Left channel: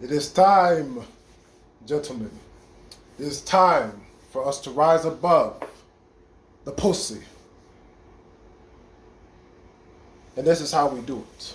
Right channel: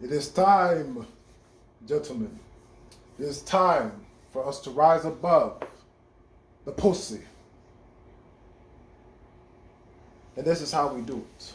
It is time, gentlemen. It is time for us to rise above the pussy. And this is how we do it.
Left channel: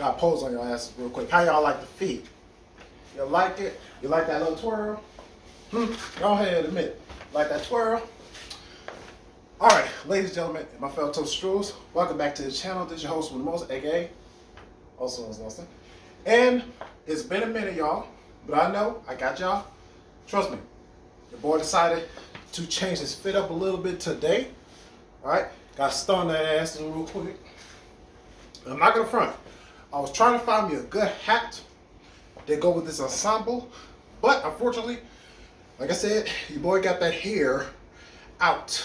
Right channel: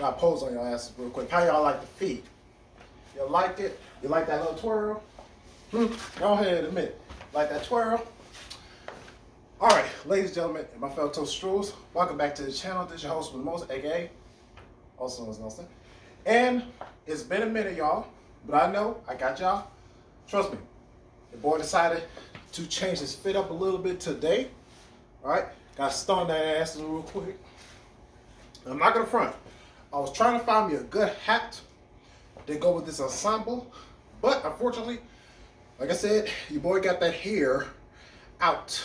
Now pose on your asses real quick. How y'all like the feet? You like it? You like that little twirl? Go ahead and admit it. Like that twirl? All right, ladies and gentlemen, and my fellow toast strolls, welcome back to the channel. This is your host with most, A.K.A. also known as Nelson. And it's been a minute, y'all, but I know I got y'all. Trust me, the boy decided to change his fit up a little bit today. All right, got to stun that ass real quick. I'm not gonna front. I was trying to find me a good hat to go with this ensemble, but unfortunately, like I said, your boy got that hair out.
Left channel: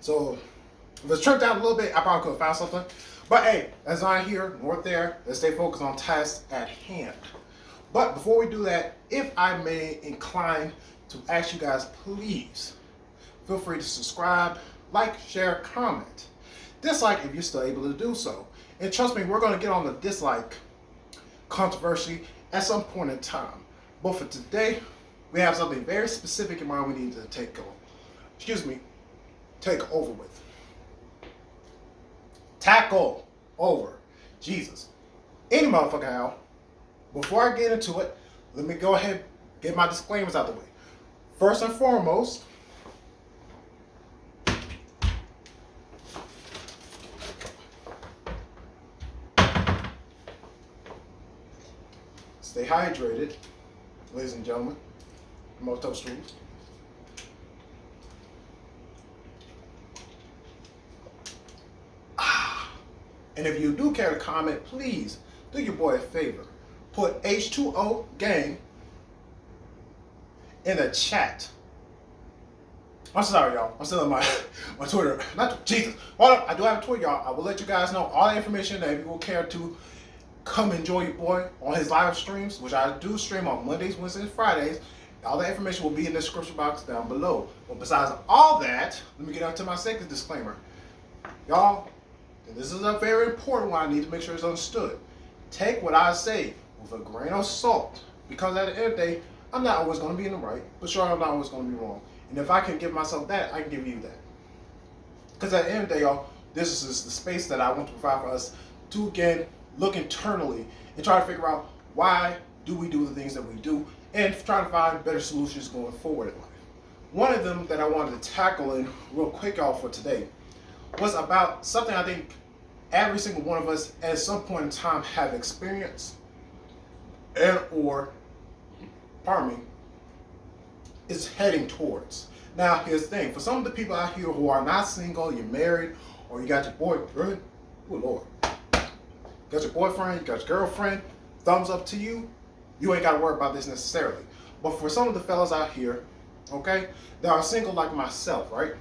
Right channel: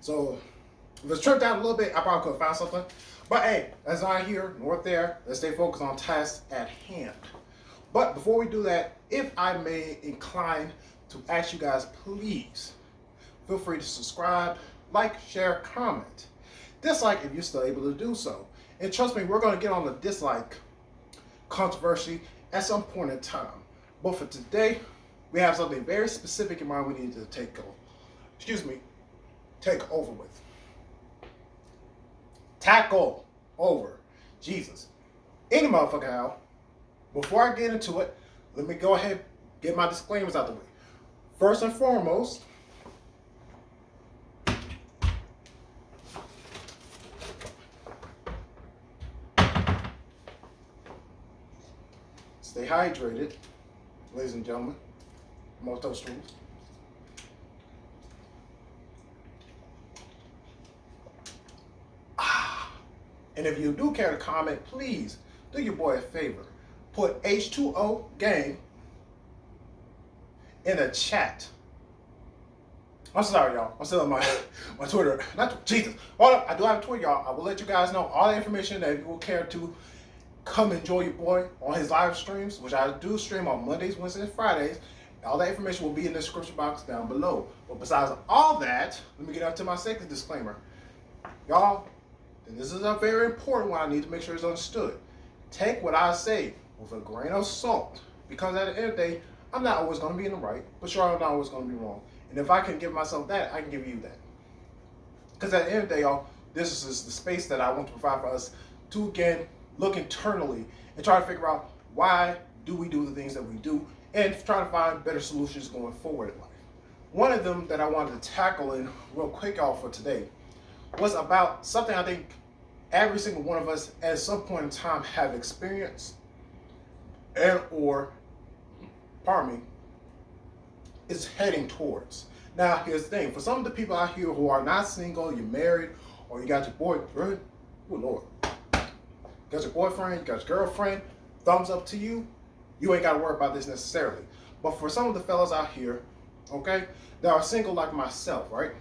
So if it's trimmed down a little bit, I probably could have found something. But hey, that's not here nor there. Let's stay focused on tasks at hand. But before we do that, if I may incline to ask you guys, please feel free to subscribe, like, share, comment. Dislike if you're still able to do so. And trust me, we're going to get on the dislike controversy at some point in time. But for today, we have something very specific in mind we need to take over with. Tackle over. Jesus. Any motherfucker how. Before I get into it, let me go ahead and get my disclaimers out the way. First and foremost, stay hydrated, ladies and gentlemen. Moto Street. And if you do care to comment, please do your boy a favor. Put H2O gang in the chat. I'm sorry, y'all. I'm still on my Twitter. Jesus. Hold up. I do have a Twitter, y'all. I will let you guys know all the information that if you will care to come enjoy your boy on his live streams, which I do stream on Mondays, Wednesdays, and Fridays. All that information will be in the description box down below. But besides all that, let me get on to my second disclaimer. Y'all, and this is a very important one I need to make sure it's understood. Take what I say with a grain of salt. Because at the end of the day, I'm not always going to be in the right, but sure, I'm not always going to be wrong. And if I can give myself that, I can give you that. Because at the end of the day, y'all, this is the space that I want to provide for us to, again, look internally and try to figure out why do we do the things that we do and try to find better solutions going forward in life. One of them that I wanted to tackle in real quick, y'all, for today was about something I think every single one of us at some point in time have experienced and or, pardon me, is heading towards. Now, here's the thing. For some of the people out here who are not single, you're married, or you got your boyfriend, oh Lord, got your boyfriend, you got your girlfriend, thumbs up to you, you ain't got to worry about this necessarily. But for some of the fellas out here, okay, that are single like myself, right,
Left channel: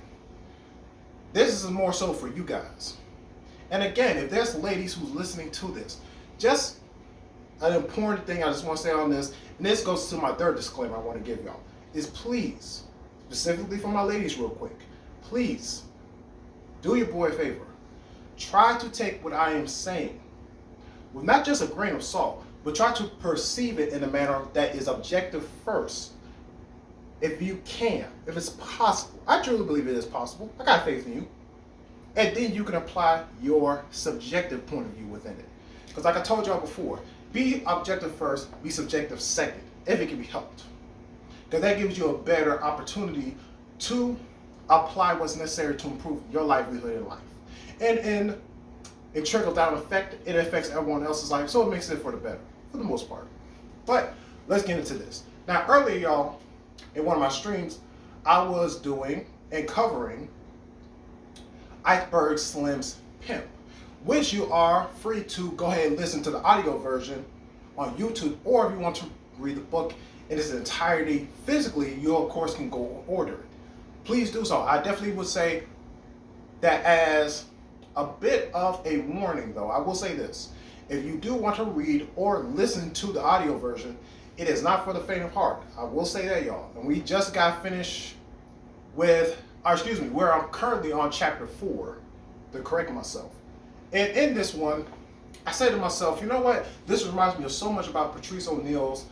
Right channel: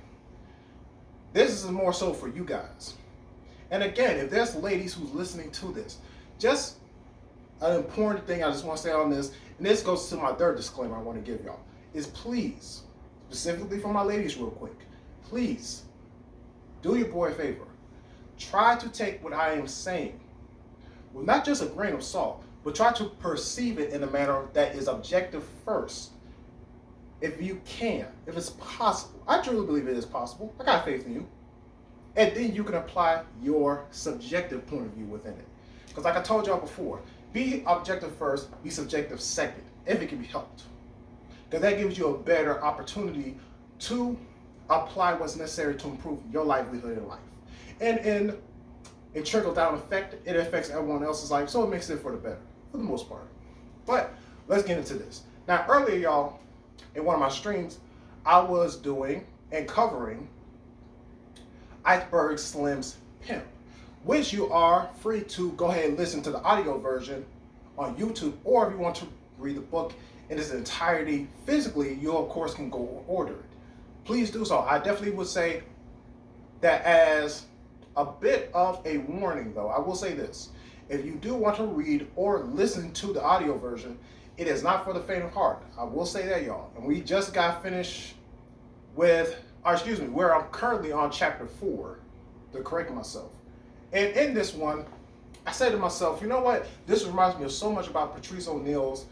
this is more so for you guys. And again, if there's ladies who's listening to this, just an important thing I just want to say on this, and this goes to my third disclaimer I want to give y'all, is please, specifically for my ladies real quick, please, do your boy a favor. Try to take what I am saying with not just a grain of salt, but try to perceive it in a manner that is objective first. If you can, if it's possible. I truly believe it is possible. I got faith in you. And then you can apply your subjective point of view within it. Because like I told y'all before, be objective first, be subjective second, if it can be helped. Because that gives you a better opportunity to apply what's necessary to improve your livelihood in life. And in a trickle-down effect, it affects everyone else's life, so it makes it for the better, for the most part. But let's get into this. Now, earlier, y'all, in one of my streams, I was doing and covering Iceberg Slim's Pimp, which you are free to go ahead and listen to the audio version on YouTube, or if you want to read the book in its entirety physically, you of course can go order it. Please do so. I definitely would say that as a bit of a warning, though, I will say this. If you do want to read or listen to the audio version, it is not for the faint of heart. I will say that, y'all. And we just got finished with, where I'm currently on chapter 4, to correct myself. And in this one, I say to myself, you know what? This reminds me of so much about Patrice O'Neal's,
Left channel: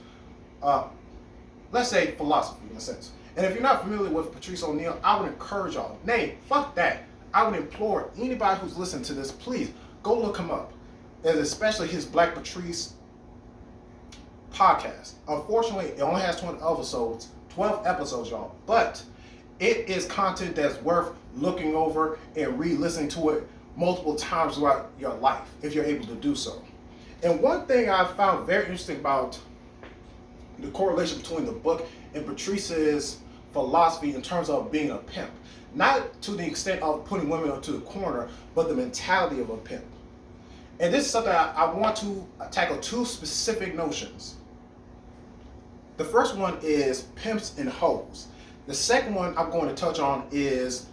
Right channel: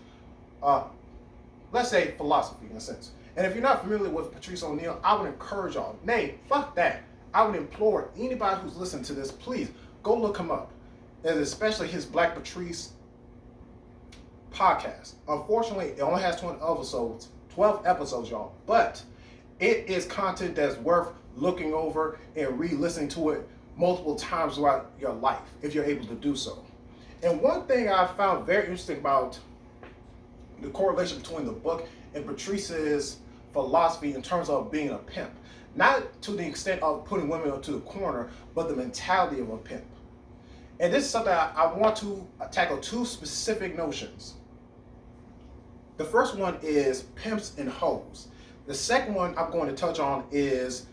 let's say, philosophy in a sense. And if you're not familiar with Patrice O'Neal, I would encourage y'all, nay, fuck that. I would implore anybody who's listening to this, please go look him up. And especially his Black Patrice podcast. Unfortunately, it only has 12 episodes, y'all. But it is content that's worth looking over and re-listening to it multiple times throughout your life, if you're able to do so. And one thing I found very interesting about the correlation between the book and Patrice's philosophy in terms of being a pimp, not to the extent of putting women into the corner, but the mentality of a pimp. And this is something I want to tackle two specific notions. The first one is pimps and hoes. The second one I'm going to touch on is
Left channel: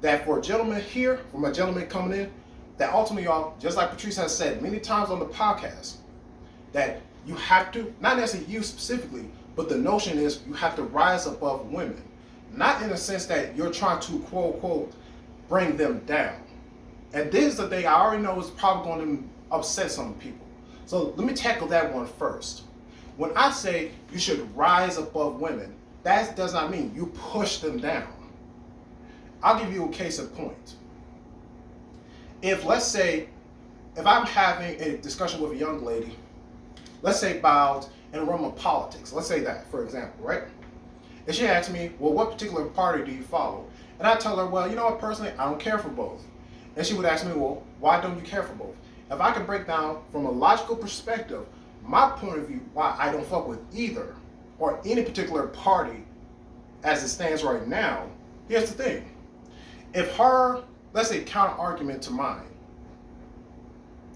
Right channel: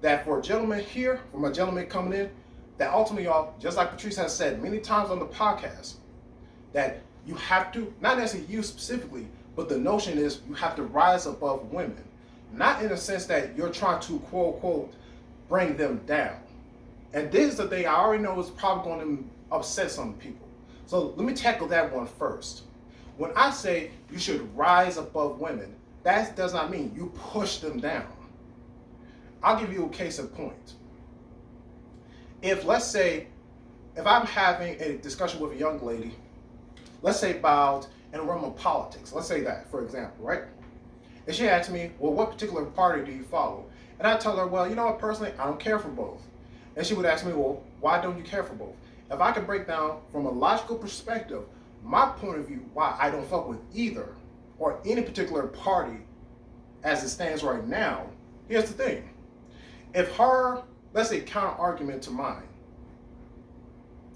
that for a gentleman here, for my gentleman coming in, that ultimately, y'all, just like Patrice has said many times on the podcast, that you have to, not necessarily you specifically, but the notion is you have to rise above women. Not in the sense that you're trying to, quote unquote, bring them down. And this is the thing I already know is probably going to upset some people. So let me tackle that one first. When I say you should rise above women, that does not mean you push them down. I'll give you a case in point. If, let's say, if I'm having a discussion with a young lady, let's say about in the realm of politics, let's say that, for example, right? And she asks me, well, what particular party do you follow? And I tell her, well, you know what, personally, I don't care for both. And she would ask me, well, why don't you care for both? If I could break down from a logical perspective, my point of view, why I don't fuck with either or any particular party as it stands right now, here's the thing. If her, let's say, counter argument to mine,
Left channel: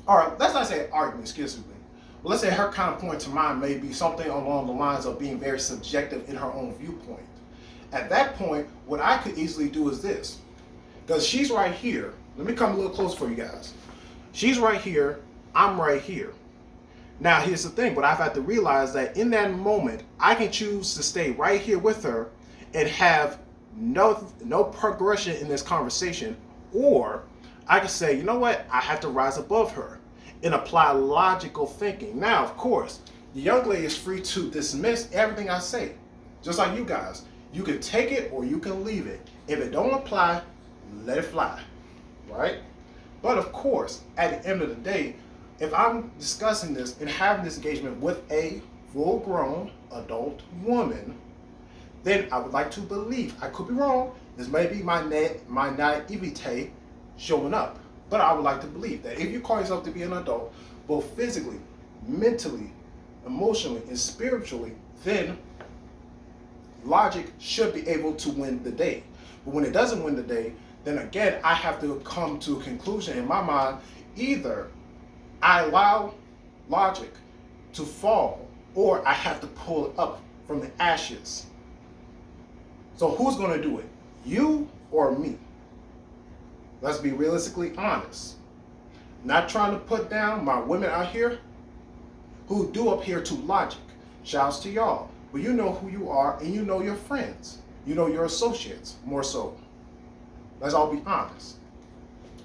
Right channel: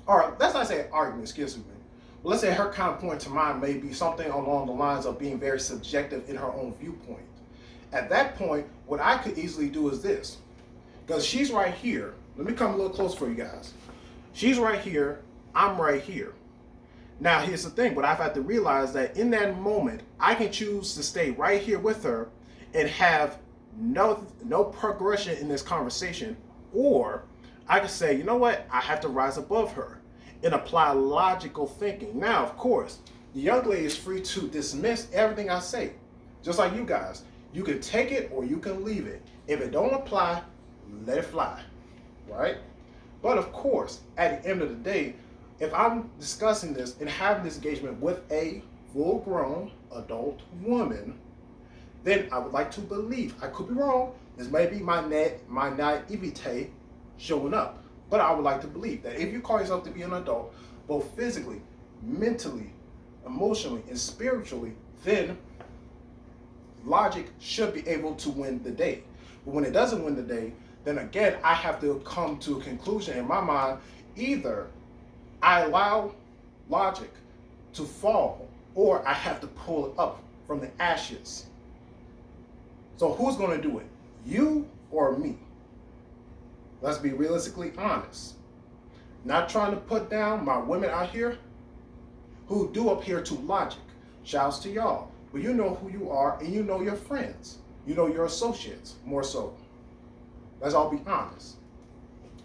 or let's not say argument, excuse me, but let's say her counterpoint to mine may be something along the lines of being very subjective in her own viewpoint. At that point, what I could easily do is this. Because she's right here. Let me come a little closer for you guys. She's right here. I'm right here. Now, here's the thing. But I've had to realize that in that moment, I can choose to stay right here with her and have no progression in this conversation. Or I can say, you know what? I have to rise above her and apply logical thinking. Now, of course, the young lady is free to dismiss everything I say. Just like you guys. You can take it or you can leave it. If it don't apply, let it fly, right? But of course, at the end of the day, if I'm discussing this and having this engagement with a full-grown adult woman, then I would like to believe, I could be wrong, this may be my naivete showing up, but I would like to believe that if you call yourself to be an adult, both physically, mentally, emotionally, and spiritually, then logic should be able to win the day. But when it doesn't win the day, then again, I have to come to a conclusion in my mind. Either I allow logic to fall, or I have to pull it up from the ashes. So who's going to do it? You or me? Let's be realistically honest. Not trying to put down my women out here who do adhere to logic. Shouts to y'all. But you know who you are and you know your friends. You know your associates, more so. Let's all be honest.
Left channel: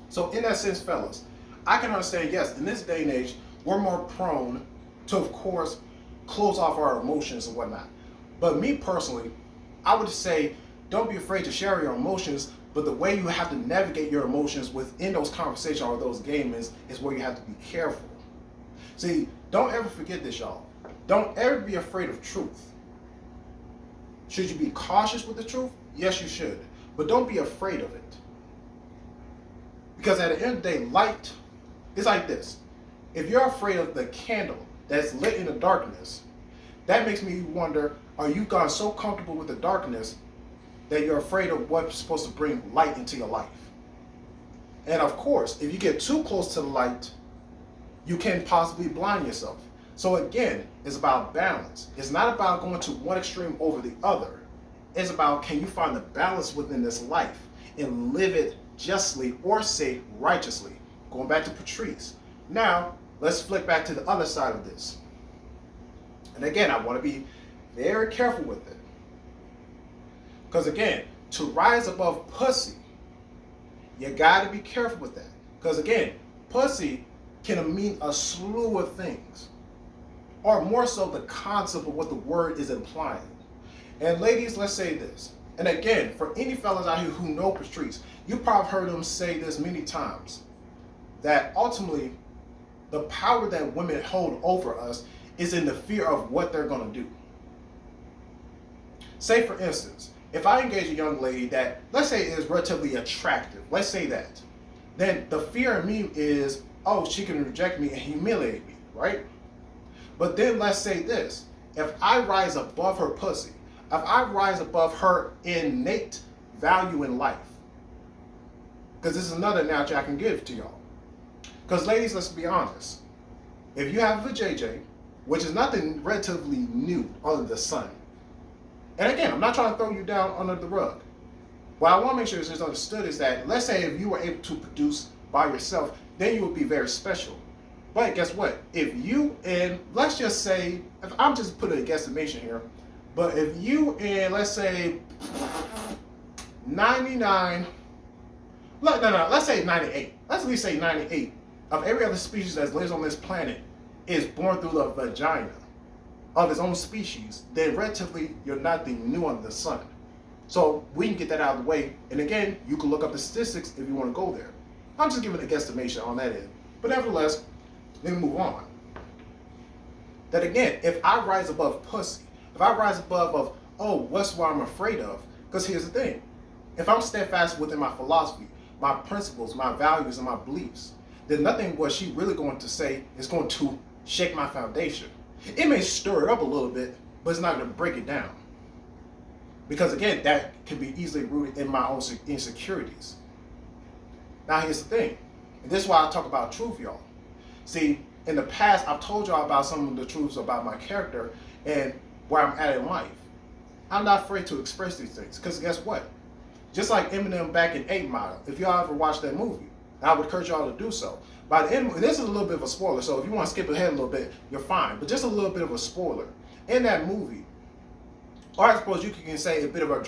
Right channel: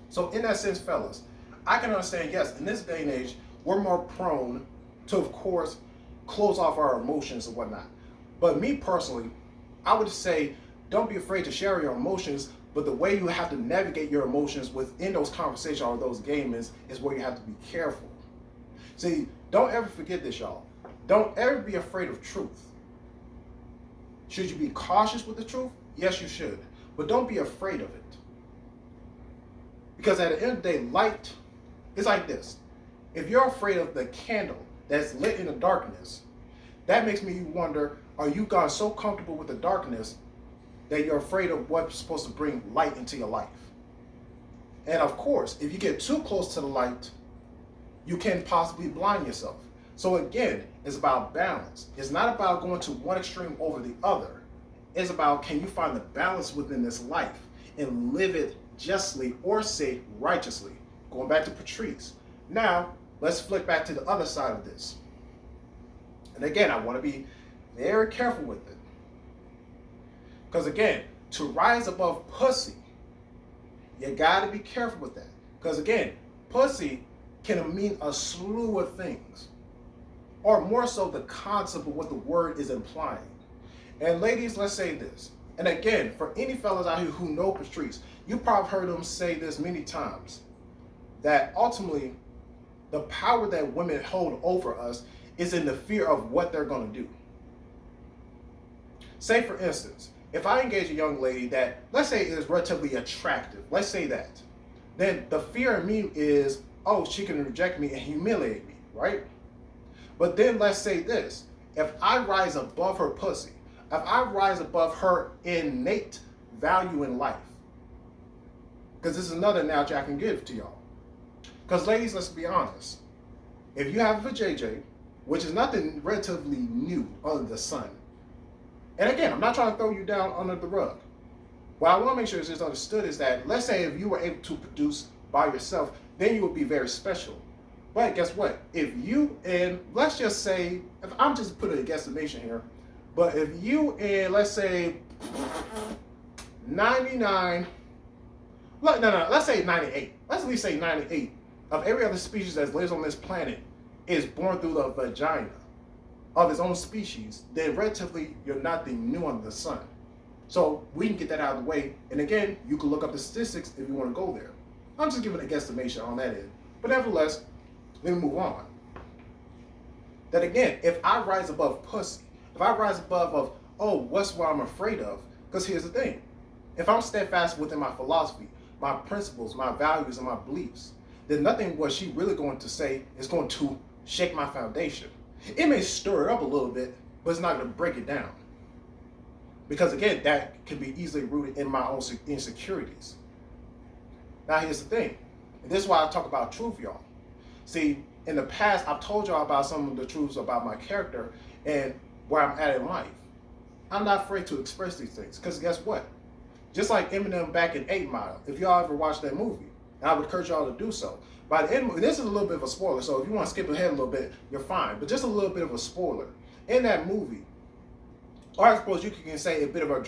So in that sense, fellas, I can understand, yes, in this day and age, we're more prone to, of course, close off our emotions and whatnot. But me personally, I would say, don't be afraid to share your emotions, but the way you have to navigate your emotions within those conversations or those games is where you have to be careful. See, don't ever forget this, y'all. Don't ever be afraid of truth. Should you be cautious with the truth? Yes, you should. But don't be afraid of it. Because at the end of the day, light is like this. If you're afraid of the candle that's lit in the darkness, that makes me wonder, are you gone so comfortable with the darkness that you're afraid of what's supposed to bring light into your life? And of course, if you get too close to the light, you can possibly blind yourself. So again, it's about balance. It's not about going to one extreme over the other. It's about, can you find the balance within this life and live it justly, or say righteously? Going back to Patrice. Now, let's flip back to the other side of this. And again, I want to be very careful with it. Because again, to rise above pussy, you got to be careful with that. Because again, pussy can mean a slew of things, or more so the concept of what the word is implying. And ladies, let's say this. And again, for any fellas out here who know Patrice, you probably heard them say this many times, that ultimately the power that women hold over us is in the fear of what they're going to do. Say for instance, if I engage a young lady that, let's say, is relatively attractive, let's say that, then the fear in me is, oh, she can reject me and humiliate me, right? But then let's say this, if I rise above her pussy, if I rise above her innate value in life, because this is another analogy I can give to y'all. Because ladies, let's be honest, if you have a JJ, which is nothing relatively new under the sun, and again, I'm not trying to throw you down under the rug. What I want to make sure is just understood is that, let's say if you were able to produce by yourself, then you would be very special. But guess what? If you and, let's just say, if I'm just putting a guesstimation here, but if you and, let's say, 99, let's say 98, let's at least say 98 of every other species that lives on this planet is born through the vagina of its own species, then relatively you're nothing new under the sun. So we can get that out of the way. And again, you can look up the statistics if you want to go there. I'm just giving a guesstimation on that end. But nevertheless, let me move on. That again, if I rise above pussy, if I rise above of, oh, what's what I'm afraid of? Because here's the thing. If I'm steadfast within my philosophy, my principles, my values, and my beliefs, then nothing what she really going to say is going to shake my foundation. It may stir it up a little bit, but it's not going to break it down. Because again, that can be easily rooted in my own insecurities. Now here's the thing, and this is why I talk about truth, y'all. See, in the past, I've told y'all about some of the truths about my character and where I'm at in life. I'm not afraid to express these things, because guess what? Just like Eminem back in 8 Mile, if y'all ever watched that movie, I would encourage y'all to do so. By the end, this is a little bit of a spoiler, so if you want to skip ahead a little bit, you're fine. But just a little bit of a spoiler. In that movie, or I suppose you can say a bit of a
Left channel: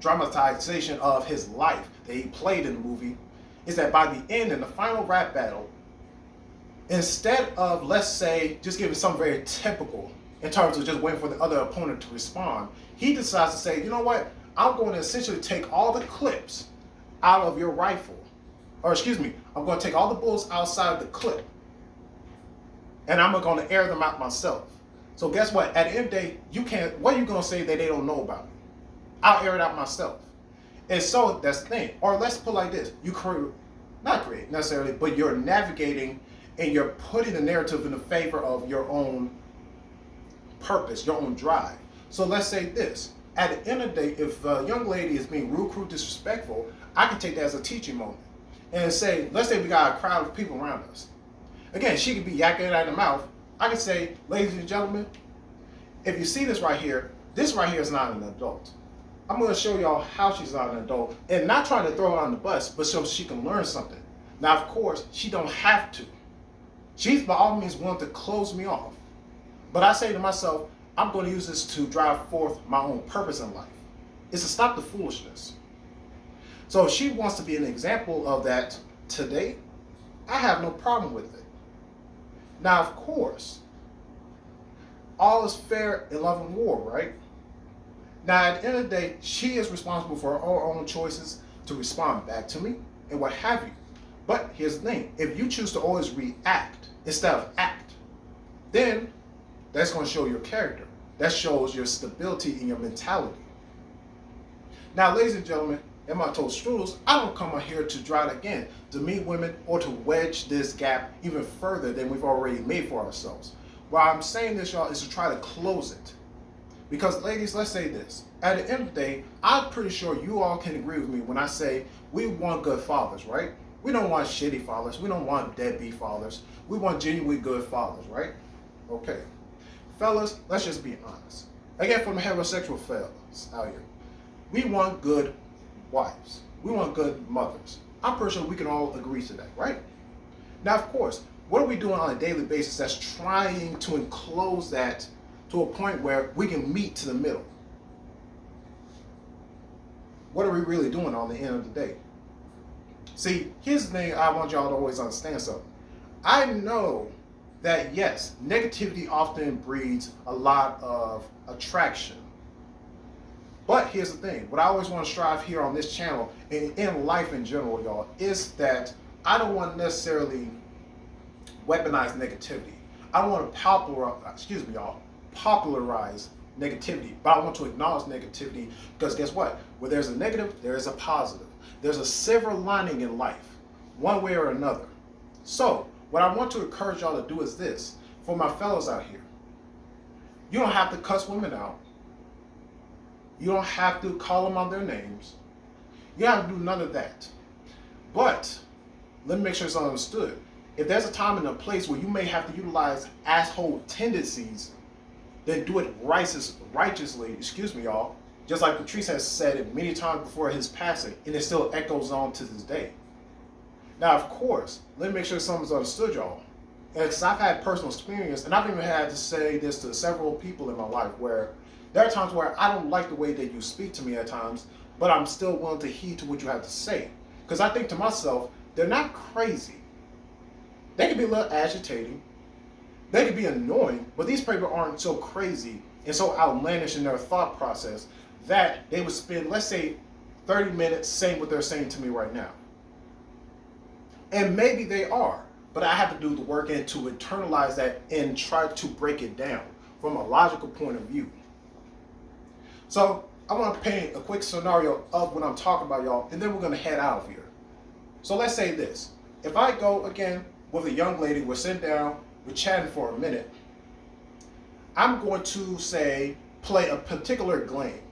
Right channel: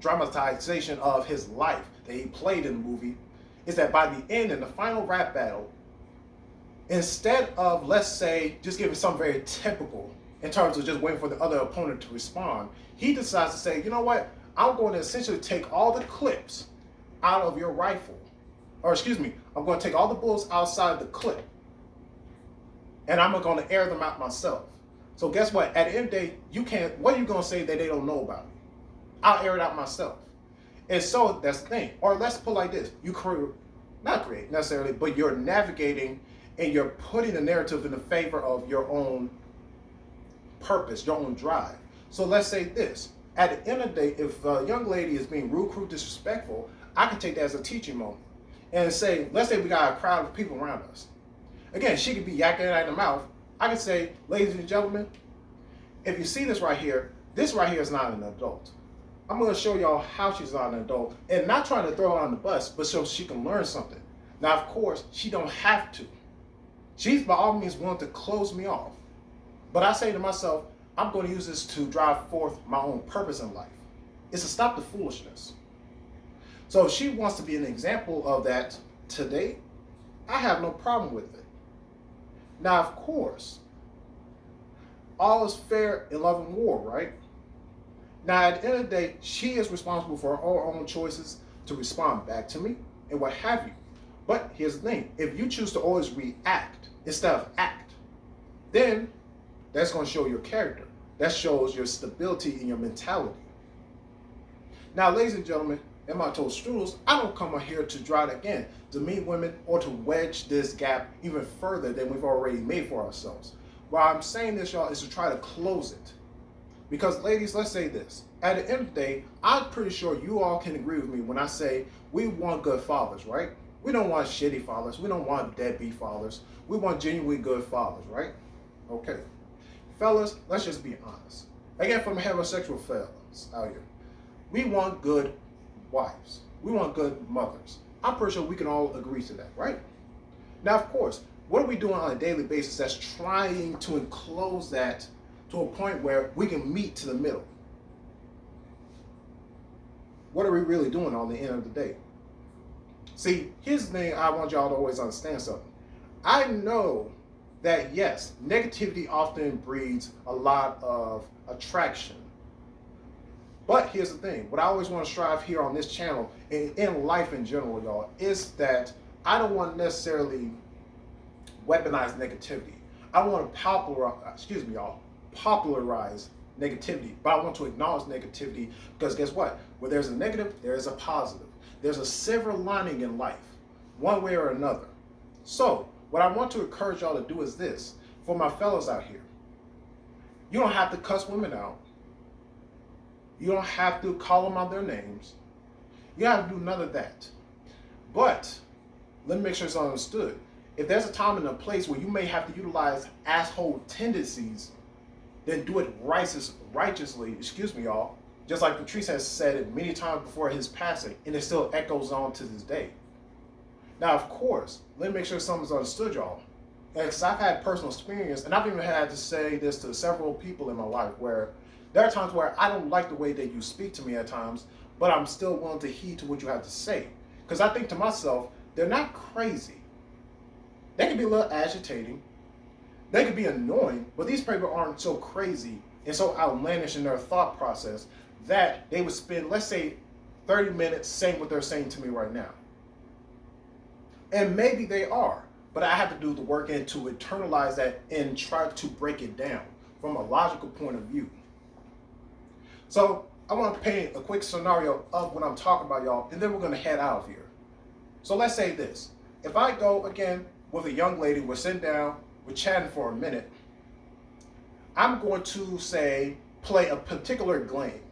dramatization of his life that he played in the movie, is that by the end, in the final rap battle, instead of, let's say, just giving something very typical in terms of just waiting for the other opponent to respond, he decides to say, you know what, I'm going to essentially take all the clips out of your rifle. Or excuse me, I'm going to take all the bullets outside the clip, and I'm going to air them out myself. So guess what? At the end of the day, you can't, what are you going to say that they don't know about me? I'll air it out myself. And so that's the thing. Or let's put it like this. You not create necessarily, but you're navigating and you're putting the narrative in the favor of your own purpose, your own drive. So let's say this. At the end of the day, if a young lady is being rude, crude, disrespectful, I can take that as a teaching moment. And say, let's say we got a crowd of people around us. Again, she could be yakking out of the mouth. I could say, ladies and gentlemen, if you see this right here is not an adult. I'm going to show y'all how she's not an adult, and not trying to throw her on the bus, but so she can learn something. Now, of course, she don't have to. She's by all means willing to close me off. But I say to myself, I'm going to use this to drive forth my own purpose in life. It's to stop the foolishness. So if she wants to be an example of that today, I have no problem with it. Now, of course, all is fair in love and war, right? Now, at the end of the day, she is responsible for her own choices to respond back to me and what have you. But here's the thing. If you choose to always react instead of act, then that's going to show your character. That shows your stability in your mentality. Now, ladies and gentlemen, and my told strudels, I don't come here to try again to meet women or to wedge this gap even further than we've already made for ourselves. Why I'm saying this, y'all, is to try to close it. Because, ladies, let's say this. At the end of the day, I'm pretty sure you all can agree with me when I say we want good fathers, right? We don't want shitty fathers. We don't want deadbeat fathers. We want genuinely good fathers, right? Okay. Fellas, let's just be honest. Again, from the heterosexual fellas out here, we want good wives. We want good mothers. I'm pretty sure we can all agree to that, right? Now, of course, what are we doing on a daily basis that's trying to enclose that to a point where we can meet to the middle? What are we really doing on the end of the day? See, here's the thing I want y'all to always understand something. I know that, yes, negativity often breeds a lot of attraction. But here's the thing. What I always want to strive here on this channel and in life in general, y'all, is that I don't want to necessarily weaponize negativity. I don't want to popularize negativity, but I want to acknowledge negativity because guess what? Where there's a negative, there is a positive. There's a silver lining in life, one way or another. So, what I want to encourage y'all to do is this. For my fellows out here, you don't have to cuss women out. You don't have to call them on their names. You don't have to do none of that. But, let me make sure it's understood. If there's a time and a place where you may have to utilize asshole tendencies, then do it righteously, excuse me, y'all. Just like Patrice has said it many times before his passing, and it still echoes on to this day. Now, of course, let me make sure something's understood, y'all. And because I've had personal experience, and I've even had to say this to several people in my life, where there are times where I don't like the way that you speak to me at times, but I'm still willing to heed to what you have to say. Because I think to myself, they're not crazy. They can be a little agitating. They can be annoying, but these people aren't so crazy and so outlandish in their thought process that they would spend, let's say, 30 minutes saying what they're saying to me right now. And maybe they are, but I have to do the work and to internalize that and try to break it down from a logical point of view. So I want to paint a quick scenario of what I'm talking about, y'all, and then we're going to head out of here. So let's say this. If I go, again, with a young lady, we're sitting down, we're chatting for a minute, I'm going to say, play a particular game.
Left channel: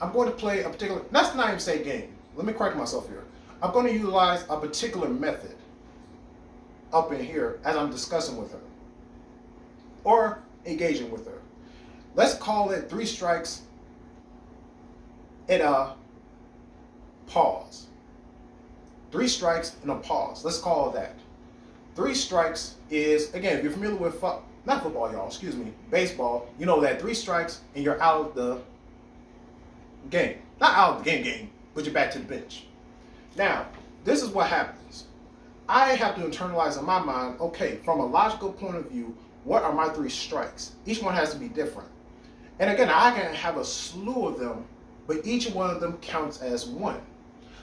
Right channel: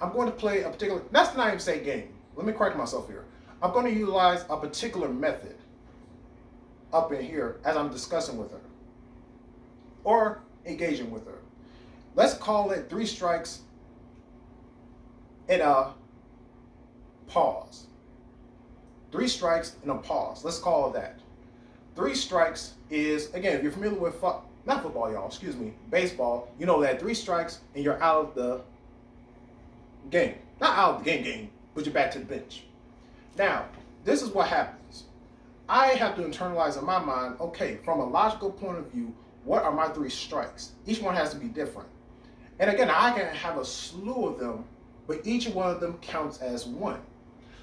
I'm going to play a particular, let's not even say game. Let me correct myself here. I'm going to utilize a particular method up in here as I'm discussing with her or engaging with her. Let's call it 3 strikes and a pause. 3 strikes and a pause. Let's call it that. 3 strikes is, again, if you're familiar with, not football, y'all, excuse me, baseball, you know that 3 strikes and you're out of the game. Not out of the game, but you're back to the bench. Now, this is what happens. I have to internalize in my mind, okay, from a logical point of view, what are my 3 strikes? Each one has to be different. And again, I can have a slew of them, but each one of them counts as one.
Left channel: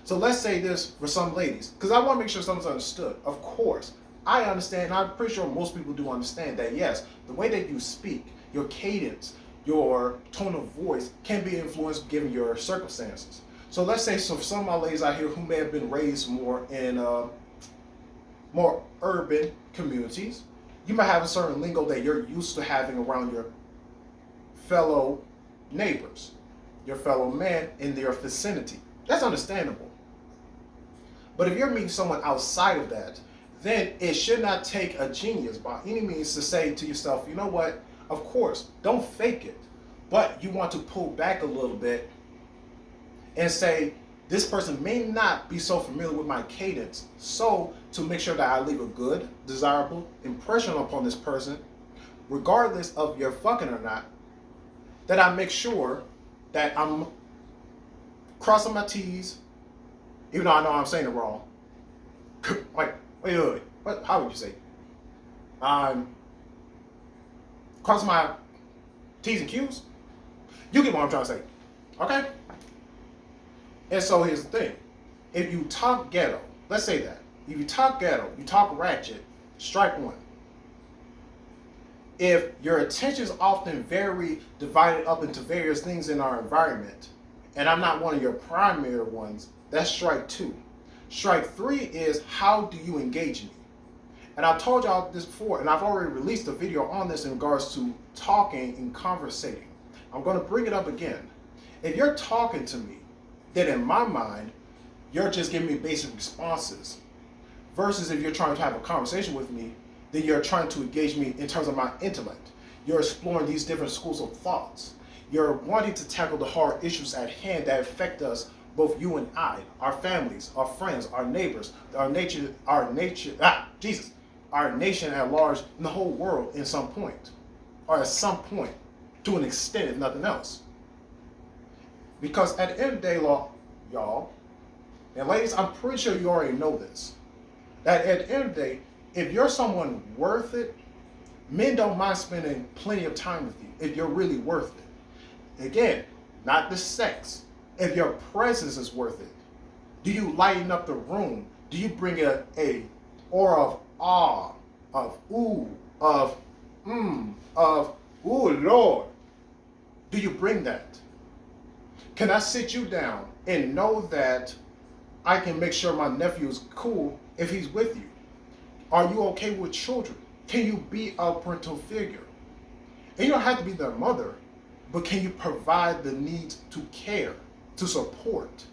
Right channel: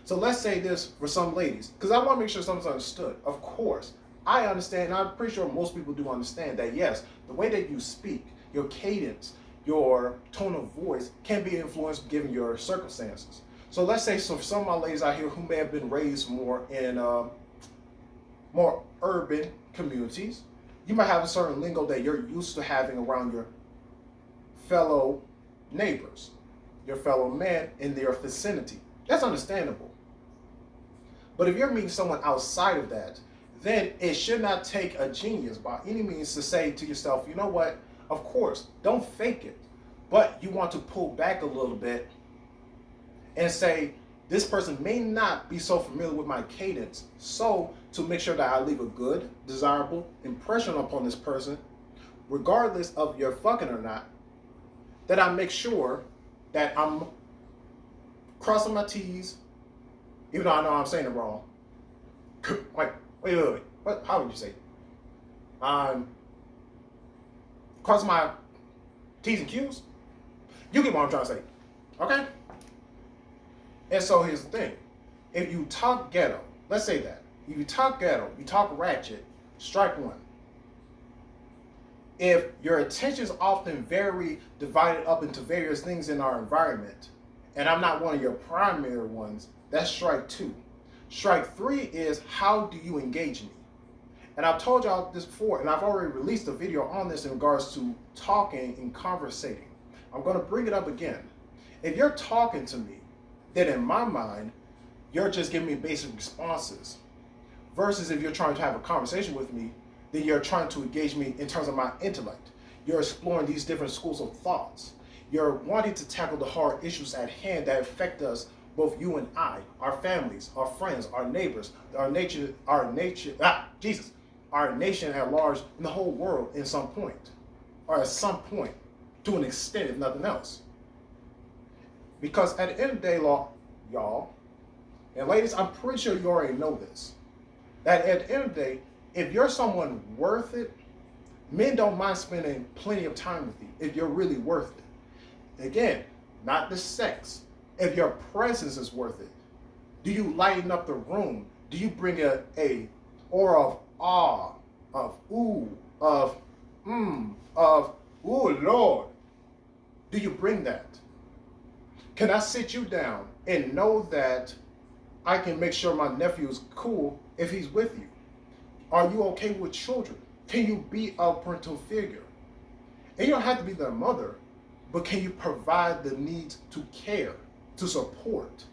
So let's say this for some ladies, because I want to make sure something's understood. Of course, I understand, I'm pretty sure most people do understand that, yes, the way that you speak, your cadence, your tone of voice can be influenced given your circumstances. So let's say for some of my ladies out here who may have been raised more in more urban communities, you might have a certain lingo that you're used to having around your fellow neighbors, your fellow man in their vicinity. That's understandable. But if you're meeting someone outside of that, then it should not take a genius by any means to say to yourself, you know what, of course, don't fake it, but you want to pull back a little bit and say, this person may not be so familiar with my cadence, so to make sure that I leave a good, desirable impression upon this person, regardless of your fucking or not, that I make sure that I'm crossing my T's, even though I know I'm saying it wrong. Wait. How would you say? I'm crossing my T's and Q's. You get what I'm trying to say, okay? And so here's the thing. If you talk ghetto, let's say that. If you talk ghetto, you talk ratchet, strike 1. If your attention is often very divided up into various things in our environment, and I'm not one of your primary ones, that's strike 2. Strike 3 is, how do you engage me? And I've told y'all this before, and I've already released a video on this in regards to talking and conversating. I'm going to bring it up again. If you're talking to me, then in my mind, you're just giving me basic responses. Versus if you're trying to have a conversation with me, then you're trying to engage me in terms of my intellect. You're exploring these different schools of thoughts. You're wanting to tackle the hard issues at hand that affect us, both you and I, our families, our friends, our neighbors, our nation at large, and the whole world in some point, or at some point, to an extent, if nothing else. Because at the end of the day, y'all, and ladies, I'm pretty sure you already know this, that at the end of the day, if you're someone worth it, men don't mind spending plenty of time with you if you're really worth it. Again, not the sex. If your presence is worth it, do you lighten up the room? Do you bring a aura of awe, of ooh, of ooh, Lord? Do you bring that? Can I sit you down and know that I can make sure my nephew is cool if he's with you? Are you okay with children? Can you be a parental figure? And you don't have to be their mother, but can you provide the needs to care, to support?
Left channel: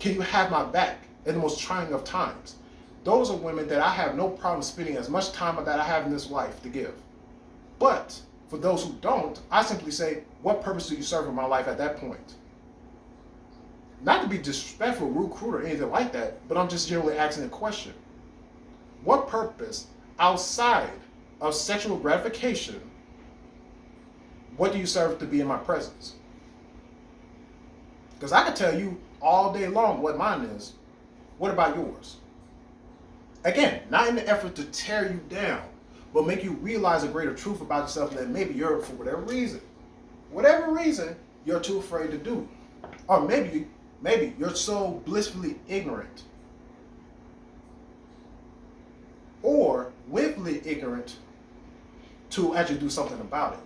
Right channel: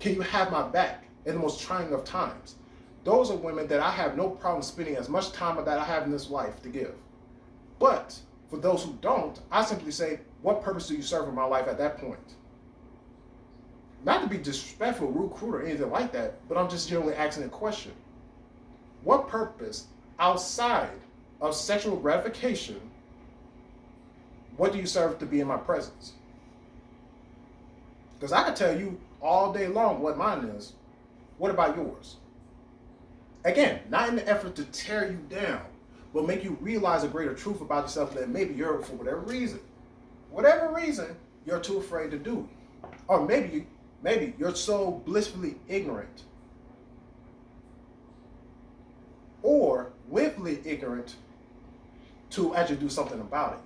Can you have my back in the most trying of times? Those are women that I have no problem spending as much time that I have in this life to give. But for those who don't, I simply say, what purpose do you serve in my life at that point? Not to be disrespectful, rude, crude, or anything like that, but I'm just generally asking a question. What purpose outside of sexual gratification, what do you serve to be in my presence? Because I can tell you all day long what mine is. What about yours? Again, not in the effort to tear you down, but make you realize a greater truth about yourself that maybe you're, for whatever reason, you're too afraid to do. Or maybe you're so blissfully ignorant or willfully ignorant to actually do something about it.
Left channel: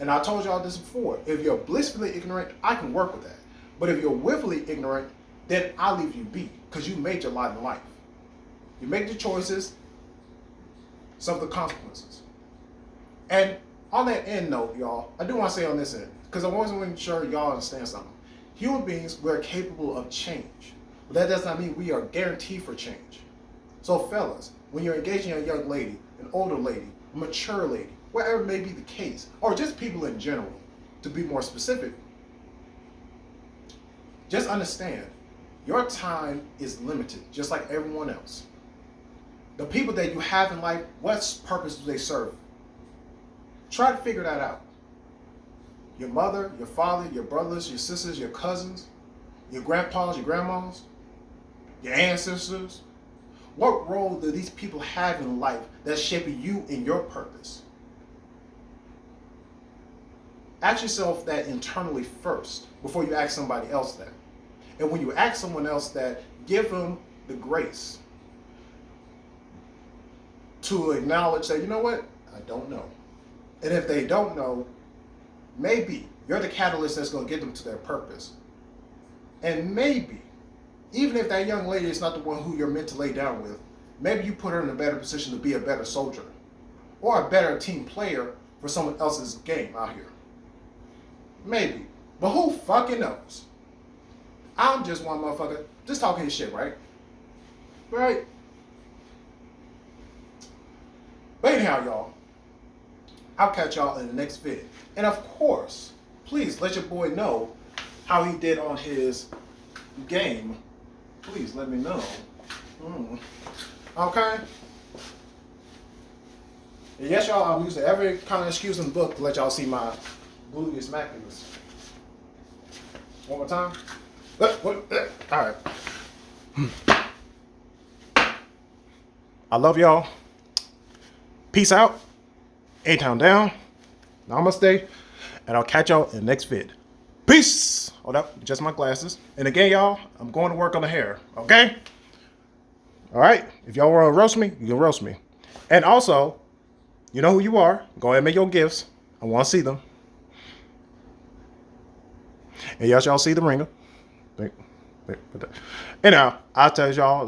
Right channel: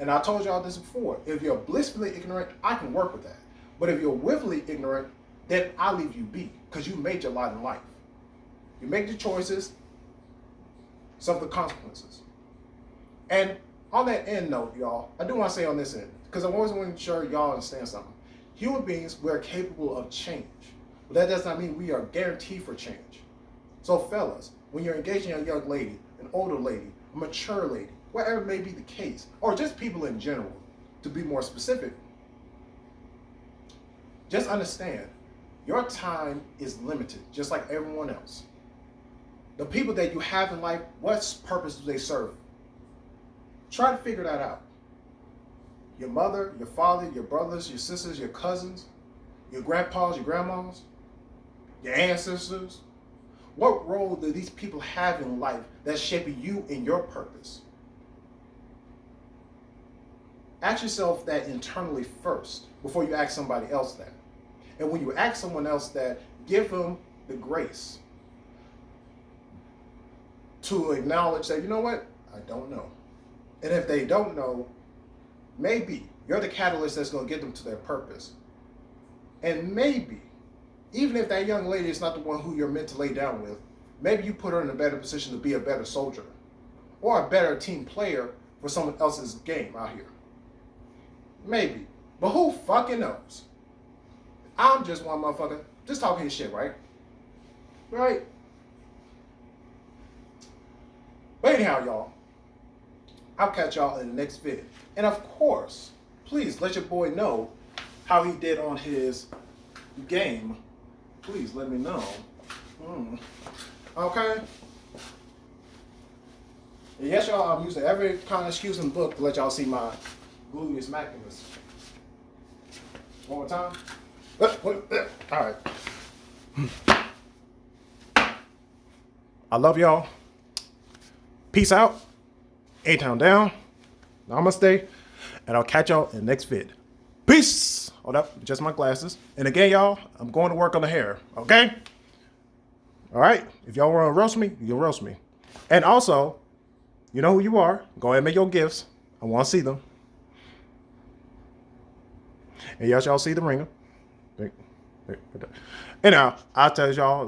And I told y'all this before. If you're blissfully ignorant, I can work with that. But if you're willfully ignorant, then I'll leave you be, because you made your lot in life. You make the choices, suffer the consequences. And on that end note, y'all, I do want to say on this end, because I always want to make sure y'all understand something. Human beings, we're capable of change. But that does not mean we are guaranteed for change. So fellas, when you're engaging a young lady, an older lady, a mature lady, whatever may be the case, or just people in general, to be more specific, just understand, your time is limited, just like everyone else. The people that you have in life, what purpose do they serve? Try to figure that out. Your mother, your father, your brothers, your sisters, your cousins, your grandpas, your grandmas, your ancestors. What role do these people have in life that's shaping you and your purpose? Ask yourself that internally first before you ask somebody else that. And when you ask someone else that, give them the grace to acknowledge that, you know what, I don't know. And if they don't know, maybe you're the catalyst that's going to get them to their purpose. And maybe, even if that young lady is not the one who you're meant to lay down with, maybe you put her in a better position to be a better soldier or a better team player for someone else's game out here. Maybe. But who fucking knows? I'm just one motherfucker just talking his shit, right? Right? But anyhow, y'all, I'll catch y'all in the next vid. And of course, please let your boy know how he did on his game. Please let me know. Okay? And yes, y'all, I'm using every kind of excuse in the book to let y'all see my gluteus maximus. One more time. All right. I love y'all. Peace out. A-Town down. Namaste. And I'll catch y'all in the next vid. Peace. Hold up. Just my glasses. And again, y'all, I'm going to work on the hair. Okay? All right? If y'all want to roast me, you can roast me. And also, you know who you are. Go ahead and make your gifts. I want to see them. And yes, y'all see the ringer. Anyhow, I'll tell y'all